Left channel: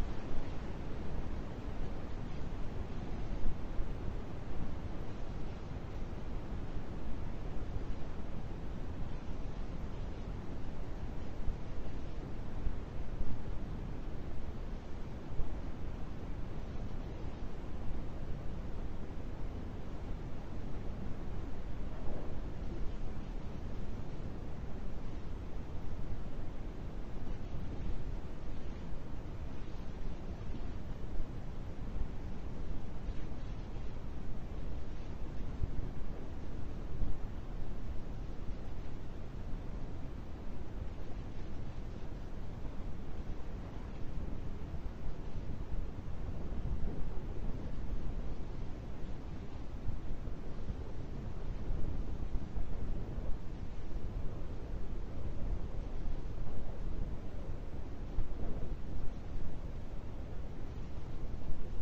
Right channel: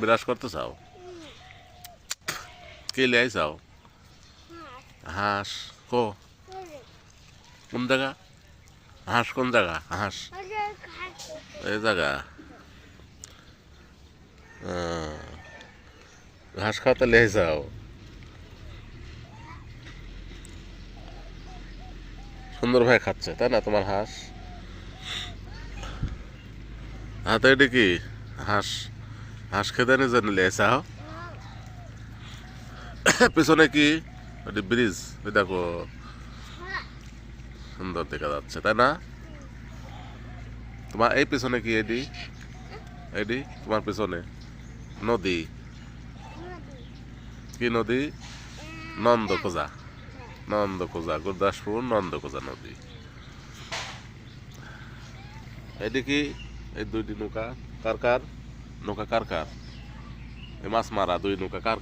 বিরাজ করতে চাও? কে লিয়াই চাও? হাঁস কো কোন জায়গা? হাঁস কোন জায়গা? হাঁস এই জায়গা। ঘাস খাওয়াতে লিয়ে যাও। সুন্দর ভাই খাচ্ছে তাই না তোমার হাঁস? হাতে এটি কি হাঁস? হাঁস খেতে নিজে লিয়ে যাও। পেছনে কি এটি ব্রিজ? ওই দেখো সুন্দর দেখা যাচ্ছে তাই না? তোমার এই পেছনে কি এটি? এটি তোমার পেছনে নদী। কি নদী? নন্দখোজা। নন্দখোজা গুরদাসপুর নন্দখোজা নদী। এটি কি এই দুইটি নৌকা কার কার? নৌকা কার কার? এই মাছ মারা দুই নৌকা কার?